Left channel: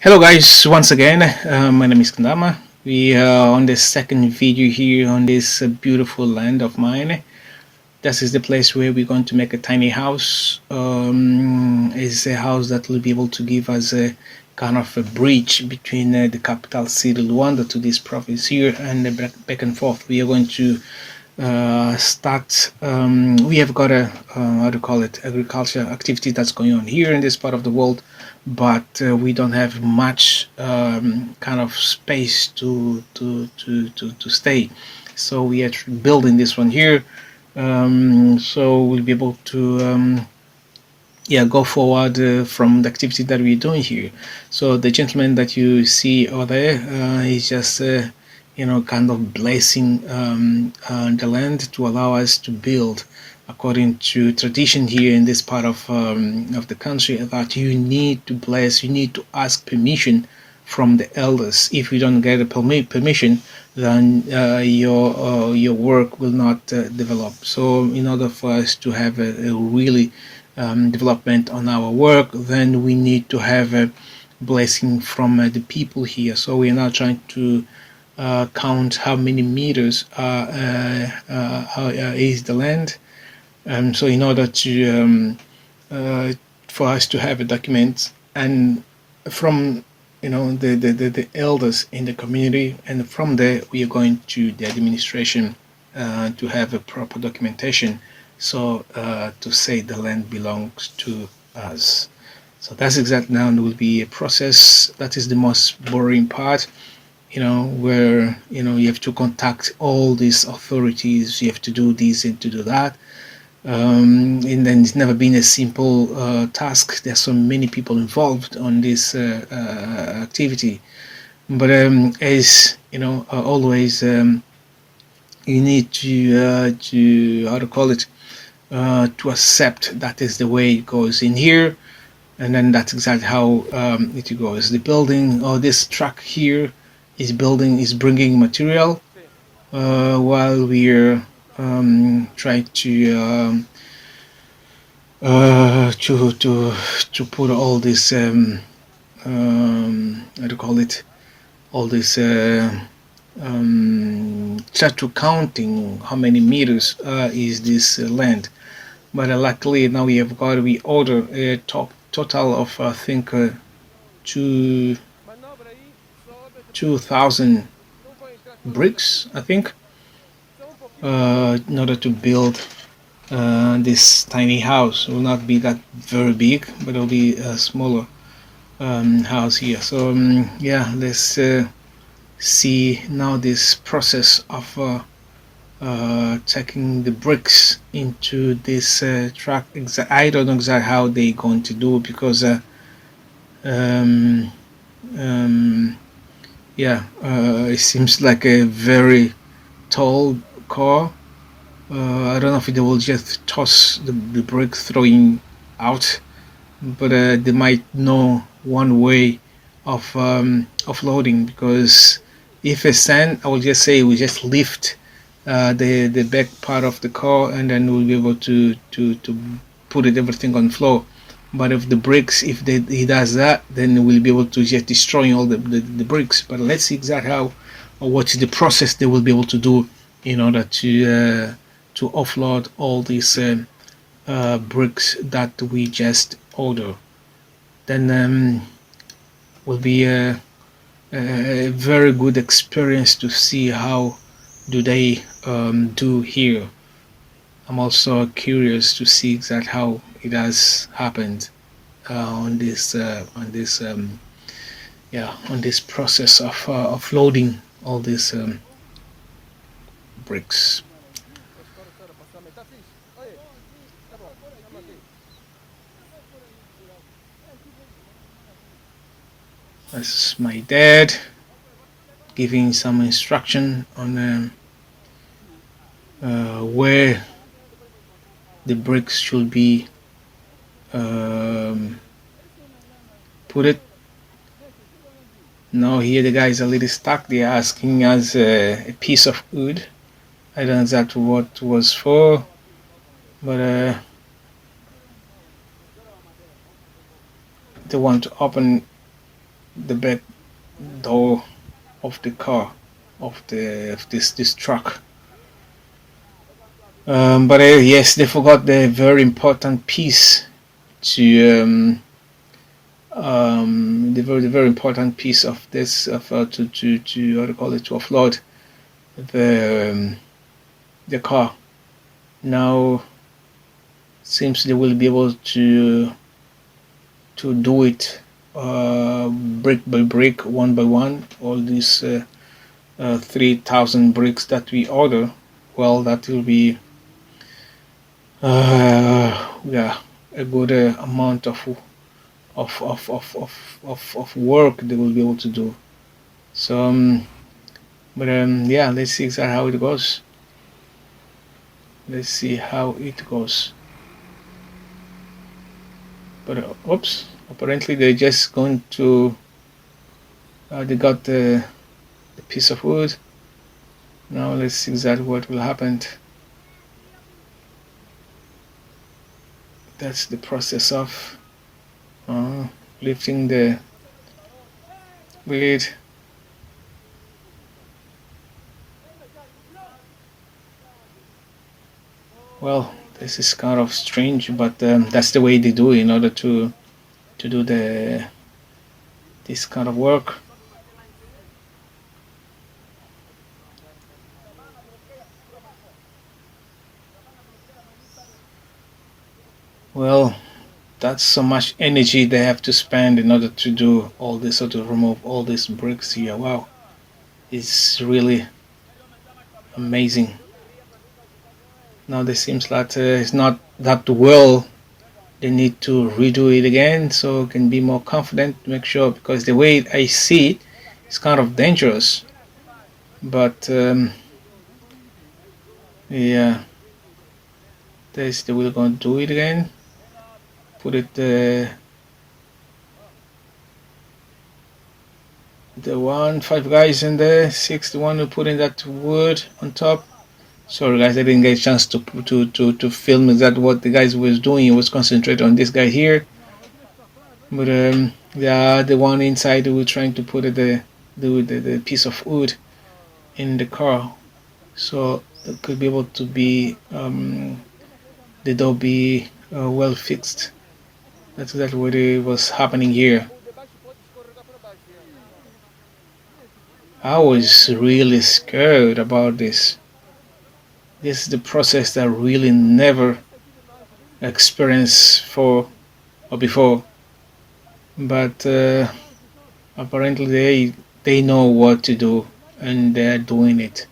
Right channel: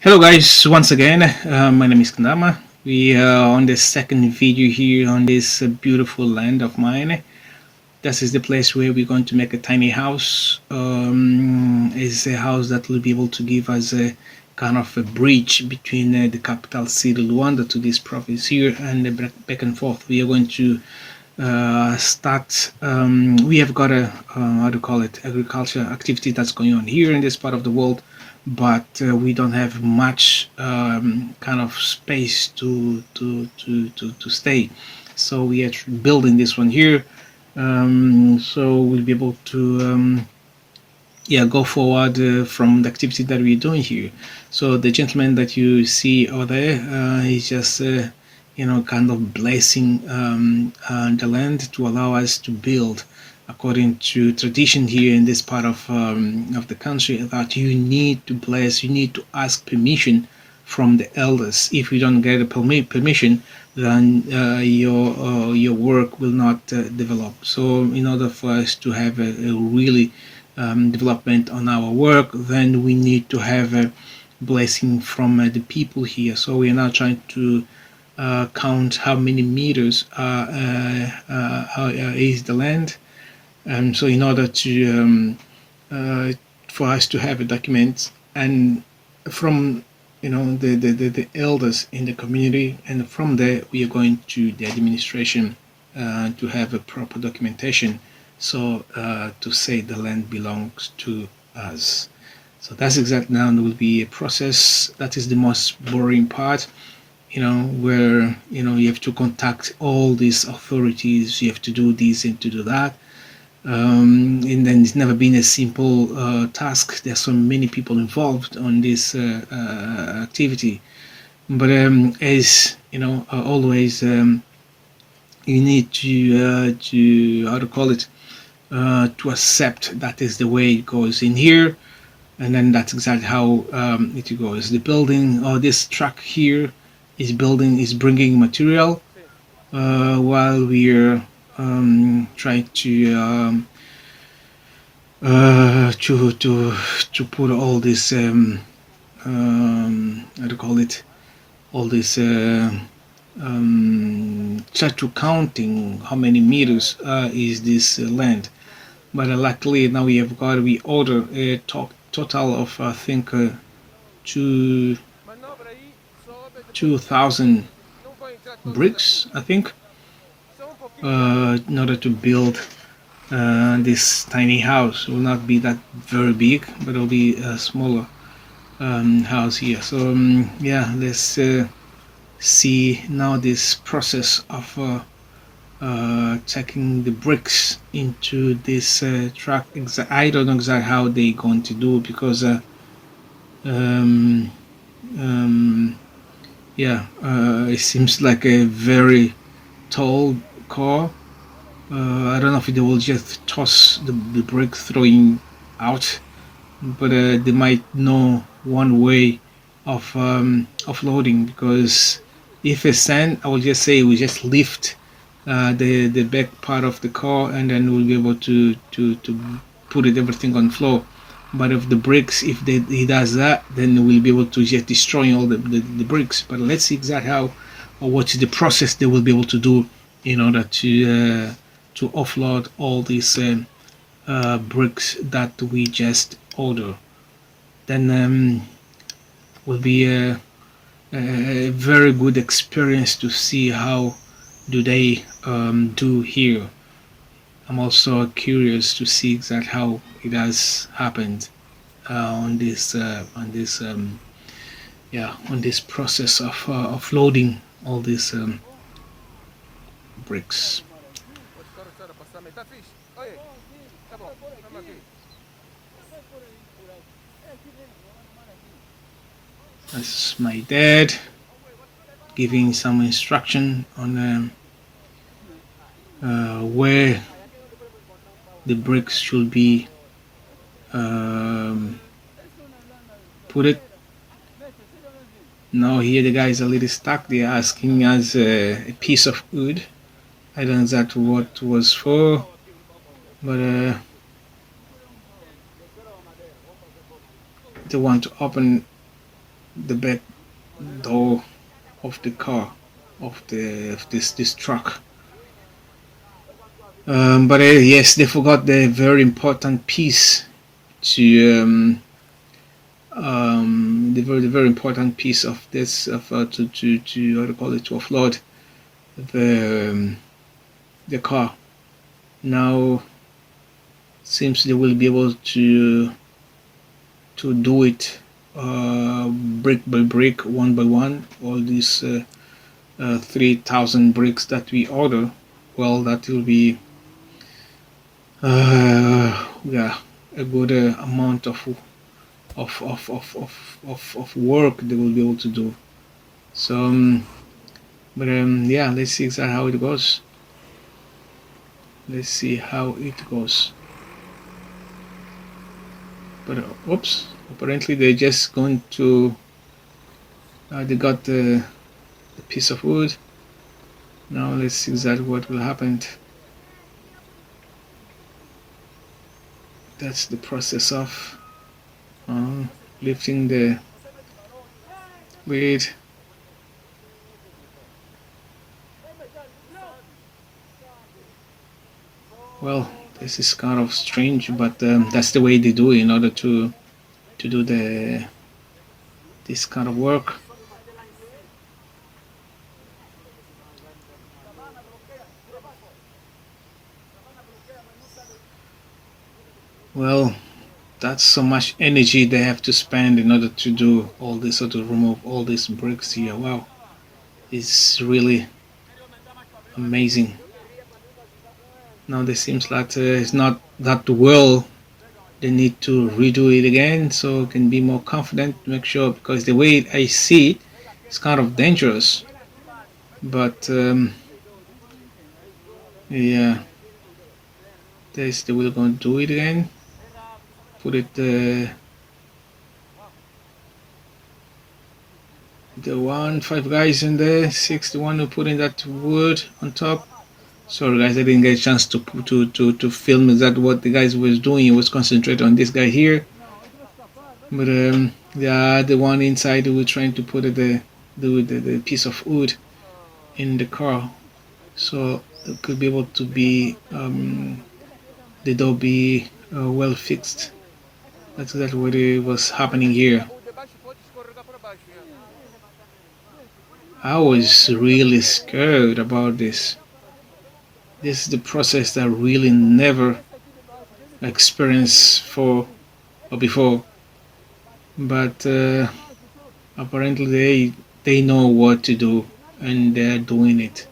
Hello guys, once again, my name is Kandama. We are on the second video here on this beautiful land of mine. This is the place where we're going to make a tiny house. It's a house that will be able to give us a kind of a bridge between the capital city Luanda to this province here and back and forth. We are going to start. We have got a how to call it agriculture activity that's going on here in this part of the world, but we don't have much kind of space to stay. So we are building this one here. So we'll be able to go forward from the activity that we're doing here. So the gentleman that you see over there is just kind of blessing the land to allow us to build according to tradition here in this part of the country, that you need to bless, you need to ask permission from the elders. If you don't get a permission, then your work will not develop. So in order for us to have a really development on our work, then we need to have a blessing from the people here. So we are now trying to count how many meters is the land. So in order to for us to have a document, and from the elders in the community, and from there we are going to the administration to have a proper documentation, so to say the land belongs to us. So that's exactly now, and will be a process that is the most boring part, where you have to contact all these authorities, you have to do this and to do that. And then it's never been a simple task. There's so many people involved on this activity, but as always, you need to how to call it, to accept that is the way it goes in here, and then that's exactly how it goes. The building, or this truck here, is bringing material while we're trying to put all this how to call it, all this try to counting how many meters is this land. But luckily now we order a total of I think two 2,000 bricks, I think, in order to build this tiny house. It will not be that very big, but it'll be a smaller house here. So let's see now this process of checking the bricks into this truck. I don't know exactly how they're going to do, because um, um, it seems like a very tall car. I don't know if they will just toss the brick throwing out, but they might know one way of offloading, because if it's sand, I will just say we just lift the back part of the car, and then we'll be able to put everything on floor. But if the bricks, if he does that, then we'll be able to just destroy all the bricks. But let's see exactly how, or what is the process they will be able to do in order to offload all these bricks that we just order. Then will be a very good experience to see how do they do here. I'm also curious to see exactly how it has happened on this process of loading all these bricks. That's my dad giving some instruction on where the bricks should be put it. Now here the guys are a little stuck. They're asking us a piece of wood. I don't know exactly what was for, but they want to open the back door of the car of this truck. But yes, they forgot the very important piece to the very important piece of this of to what do you call it, to offload the the car. Now seems they will be able to do it brick by brick, one by one. All these 3,000 bricks that we order. Well, that will be yeah, a good amount of work they will be able to do. So, but yeah, let's see exactly how it goes. Let's see how it goes. But oops, apparently they're just going to. They got the piece of wood. Now let's see exactly what will happen. That's the process of lifting the weight. Well, this is kind of strange, but that's the way they do in order to do this kind of work. Well, that's so much energy they have to spend in order to do all this or to remove all these bricks here. Wow, it's really amazing. Now it seems that it's not that well. They need to redo it again so can be more confident. Make sure, because the way I see it, it's kind of dangerous. But yeah, they will going to do it again. Put it the one five guys in there, six the one who put in that wood on top. Sorry guys, I didn't get a chance to film exactly what the guys was doing. He was concentrating on this guy here. But the one inside who were trying to put the piece of wood in the car, so it could be able to be the door be well fixed. That's exactly what it was happening here. I was really scared about this. This is the process that I really never experienced for or before. But apparently they know what to do and they are doing it.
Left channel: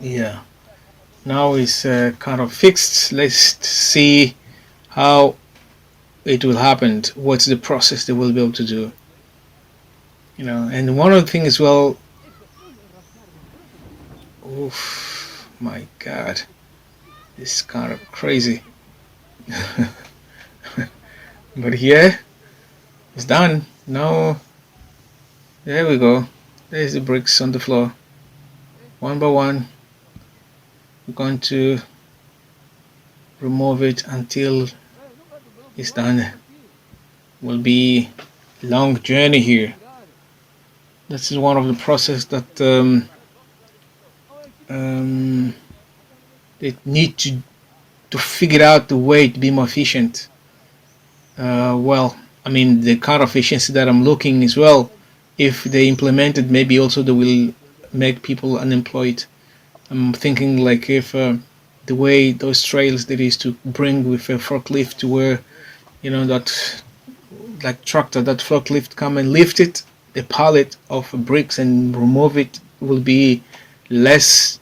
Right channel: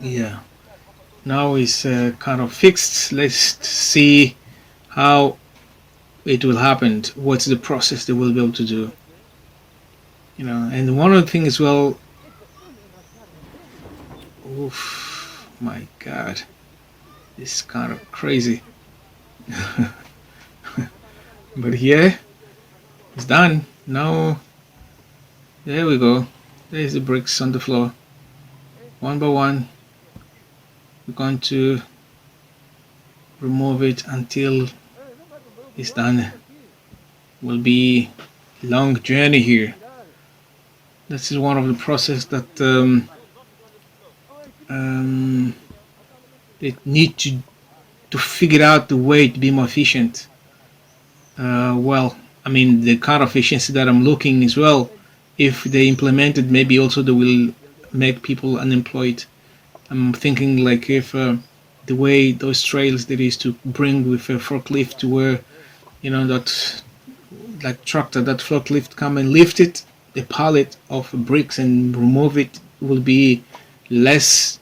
Yeah. Now it's kind of fixed. Let's see how it will happen. What's the process they will be able to do? And one other thing as well. Oof, my God, it's kind of crazy. But yeah, it's done. Now, there we go. There's the bricks on the floor. One by one, we're going to remove it until it's done. Will be a long journey here. This is one of the process that they need to figure out the way to be more efficient. Well, I mean, the kind of efficiency that I'm looking as well, if they implement it, maybe also they will make people unemployed. I'm thinking like if the way those trails that is to bring with a forklift to where, that like tractor, that forklift come and lift it, the pallet of bricks and remove it will be less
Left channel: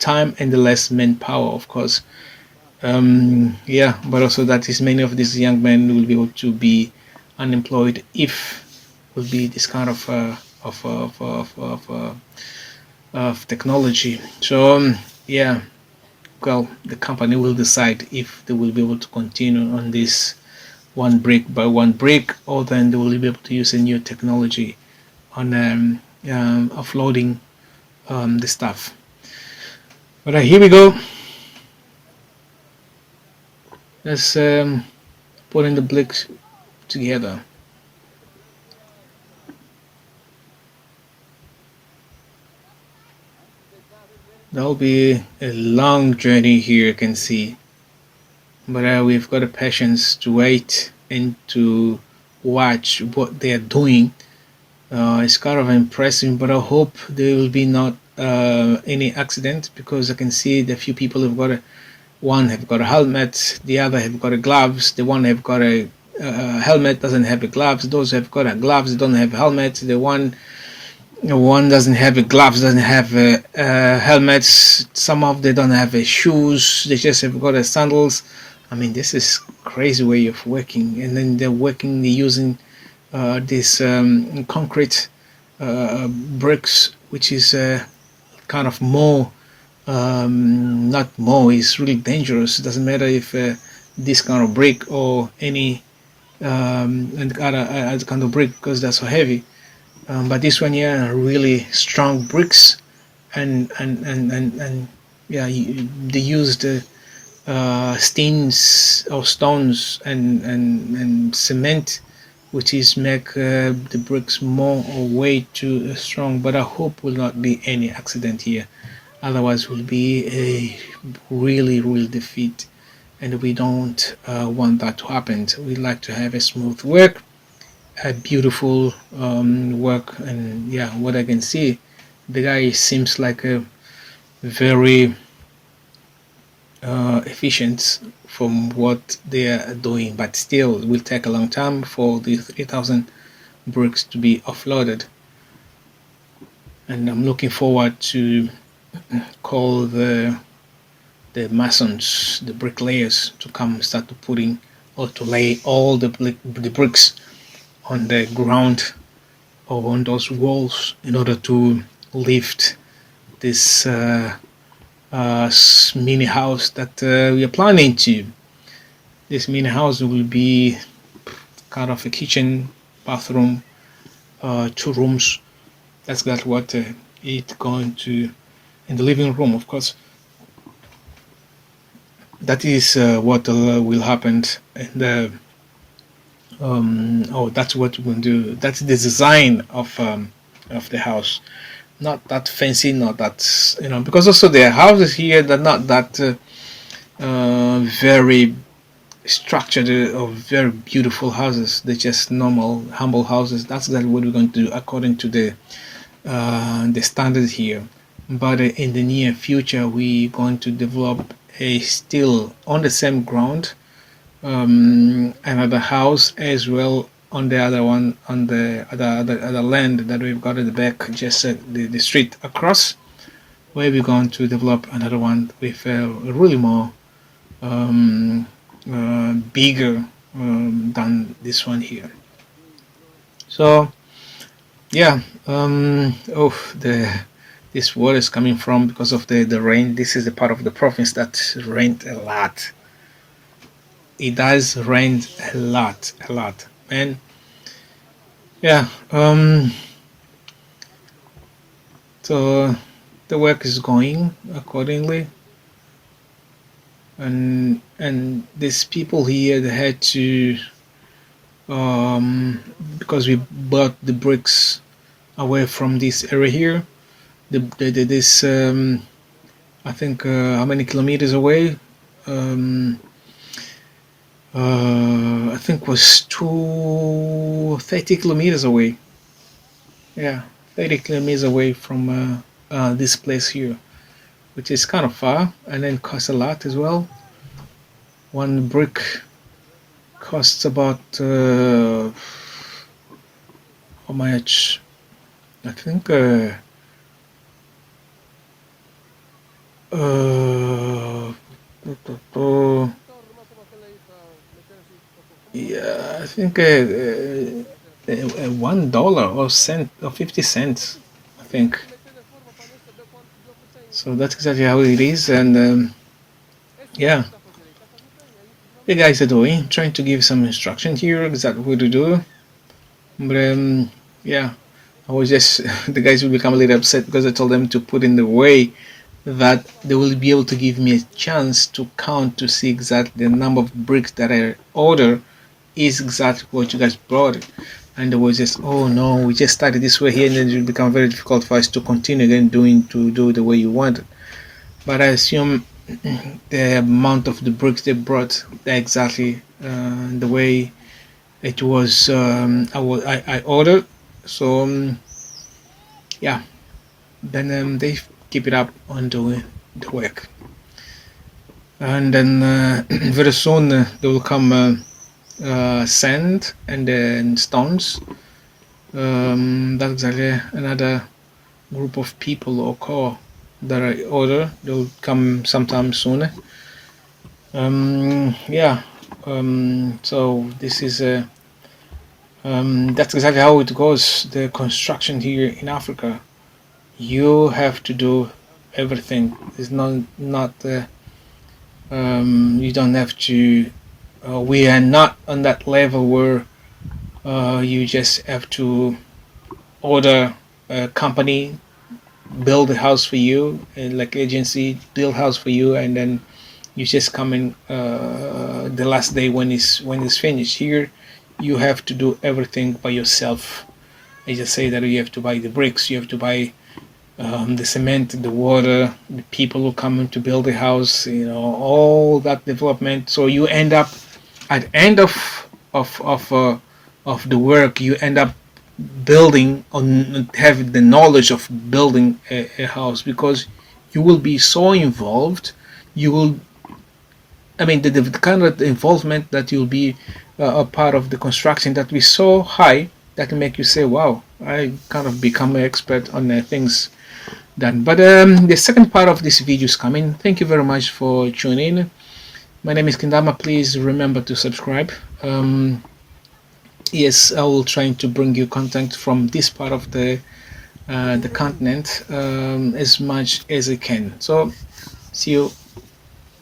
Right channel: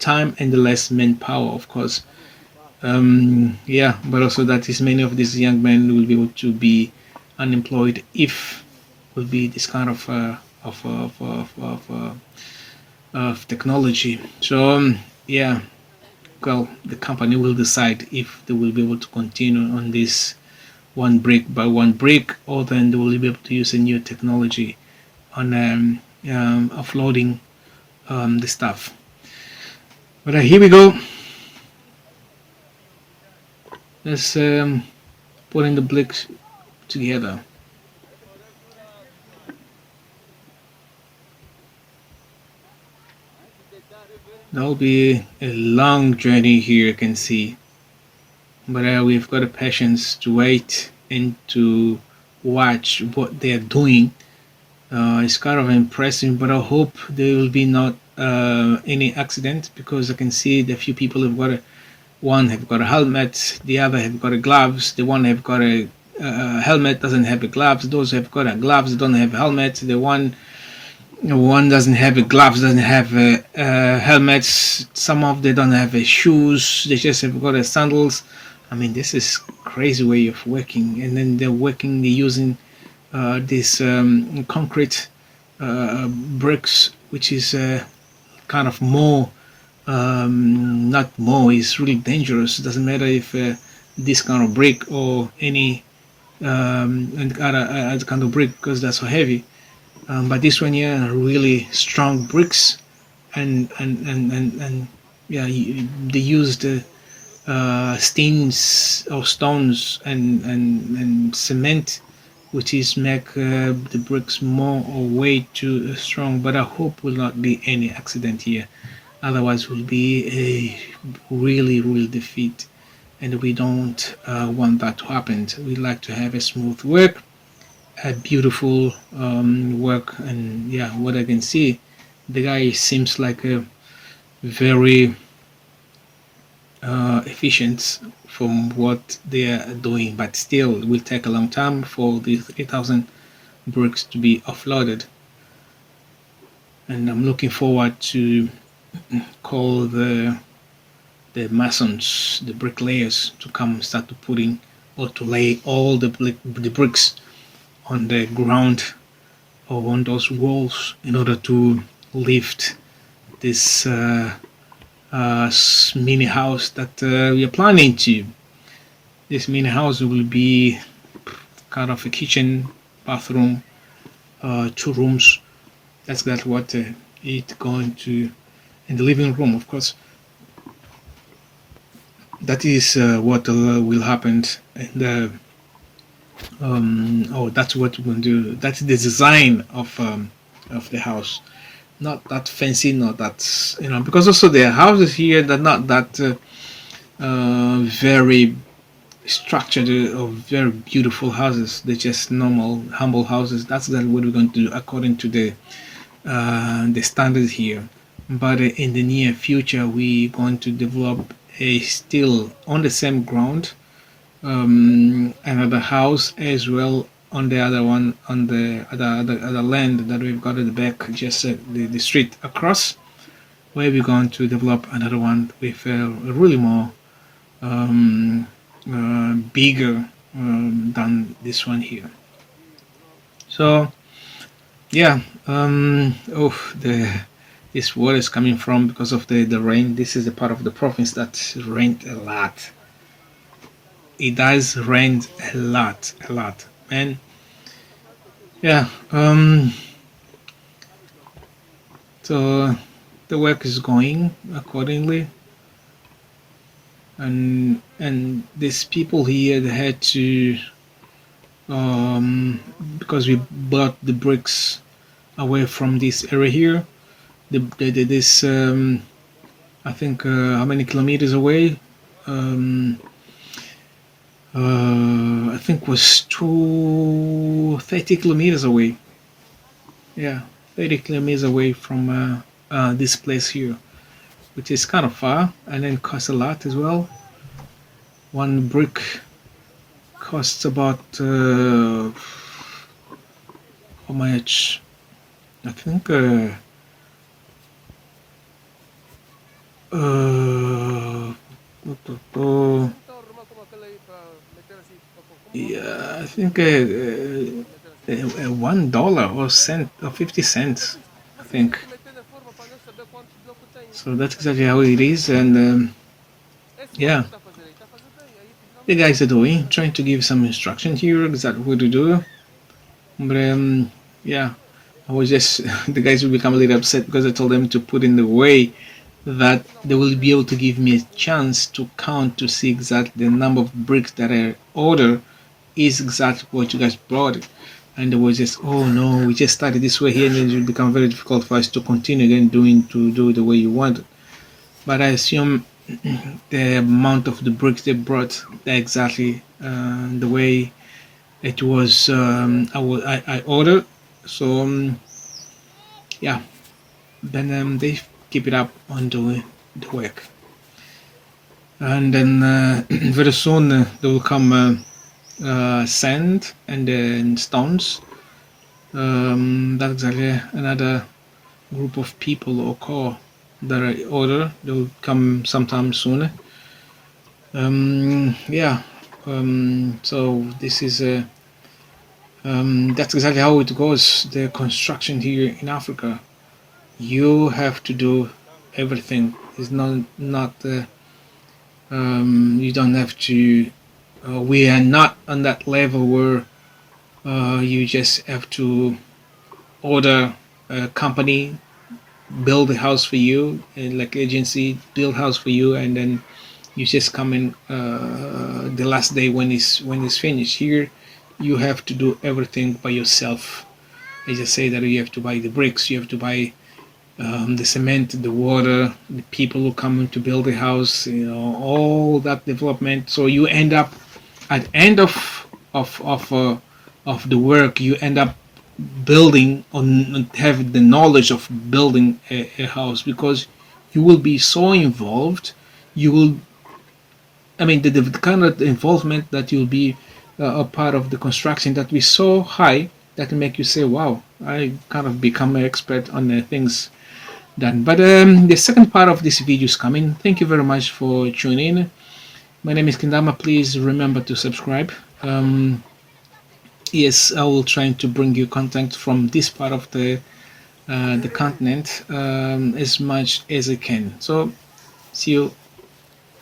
time and the less manpower, of course. Yeah, but also that is many of these young men will be able to be unemployed if will be this kind of technology. So yeah, well, the company will decide if they will be able to continue on this one brick by one brick, or then they will be able to use a new technology on offloading the stuff. But here we go. Let's put in the bricks together. That'll be a long journey here, you can see. But we've got the patience to wait and to watch what they are doing. It's kind of impressive, but I hope there will be not any accident because I can see the few people have got a one have got a helmet, the other have got a gloves, the one have got a helmet doesn't have a gloves, those have got a gloves don't have a helmet, the one doesn't have a gloves, doesn't have helmets. Some of them don't have shoes. They just have got sandals. I mean, this is crazy way of working. And then they're working. They're using this concrete bricks, which is kind of more, not more. It's really dangerous. It doesn't matter if this kind of brick or any other kind of brick because they're so heavy. But this one here are really strong bricks, and yeah, they used steams or stones and cement, which is make the bricks more or way too strong. But I hope will not be any accident here. Otherwise, will be a really defeat, and we don't want that to happen. We like to have a smooth work, a beautiful work, and yeah, what I can see, the guy seems like a very efficient from what they are doing, but still it will take a long time for the 3,000 bricks to be offloaded. And I'm looking forward to call the masons, the bricklayers, to come start to putting or to lay all the bricks on the ground or on those walls in order to lift this mini house that we are planning to. This mini house will be kind of a kitchen, bathroom, 2 rooms. That's what it's going to, in the living room, of course. That is what will happen in the. Oh, that's what we're going to do. That's the design of the house. Not that fancy, not that because also the houses here they're not that very structured or very beautiful houses. They're just normal, humble houses. That's what we're going to do according to the standards here. But in the near future, we're going to develop a still on the same ground another house as well on the other one on the other land that we've got at the back, just the street across, where we're going to develop another one with really more bigger than this one here. So yeah, oh, the this water is coming from because of the rain. This is the part of the province that rained a lot. It does rain a lot, and yeah, so the work is going accordingly, and these people here they had to because we bought the bricks away from this area here. This I think how many kilometers away? I think was 30 kilometers away. Yeah, 30 kilometers away from this place here, which is kind of far and then costs a lot as well. One brick costs about how much? I think yeah, I think $1 or cent or 50 cents. I think so. That's exactly how it is, and yeah, the guys are doing trying to give some instruction here exactly what to do. But yeah, I was just the guys will become a little upset because I told them to put in the way that they will be able to give me a chance to count to see exactly the number of bricks that I order is exactly what you guys brought. And there was just, oh no, we just started this way here, and then it will become very difficult for us to continue again to do the way you want it. But I assume the amount of the bricks they brought, they're exactly the way it was. I ordered. So yeah, then they keep it up on the work, and then very soon there will come sand and then stones. That's exactly another group of people or core that I order. They'll come sometime soon. Yeah. So this is that's exactly how it goes. The construction here in Africa, you have to do everything. It's not you don't have to. We are not on that level where you just have to order a company build a house for you, like agency build house for you, and then you just come in the last day when it's finished. Here, you have to do everything by yourself. I just say that you have to buy the bricks, you have to buy the cement, the water, the people who come in to build the house, all that development. So you end up at the end of the work, you end up building or have the knowledge of building a house, because you will be so involved. You will, I mean, the kind of involvement that you'll be a part of the construction that we so high that will make you say, "Wow, I kind of become an expert on things done." But the second part of this video is coming. Thank you very much for tuning in. My name is Kindama. Please remember to subscribe. Yes, I will try to bring you content from this part of the continent as much as I can. So, see you